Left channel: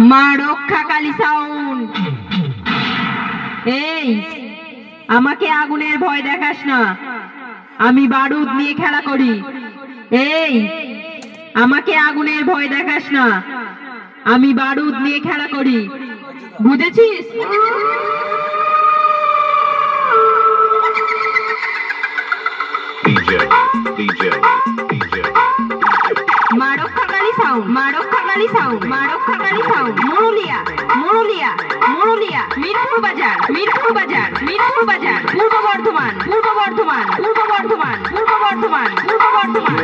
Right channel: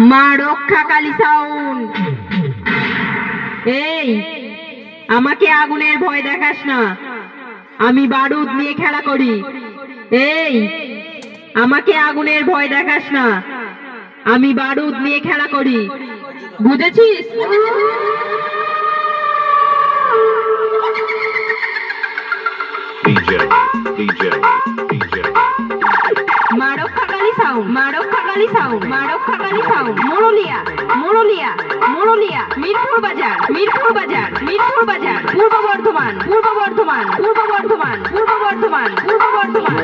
মা রক্ষাকালী সাউন্ড। এই আমাকে আগুনের ভয় দেখাস না, আমি বারুদ নিয়ে খেলা করি। এই আমাকে আগুনের ভয় দেখাস না, আমি বারুদ নিয়ে খেলা করি, বুঝেছিস? মা রক্ষাকালী সাউন্ড, মা রক্ষাকালী সাউন্ড, মা রক্ষাকালী সাউন্ড। মুরুলিয়া মুরুলিয়া মুরুলিয়া, মিরপুর বাজার, মিরপুর বাজার, মিরপুর বাজার, পূর্ব বর্ধমান, পূর্ব বর্ধমান, পূর্ব বর্ধমান, পূর্ব বর্ধমান, পূর্ব বর্ধমান।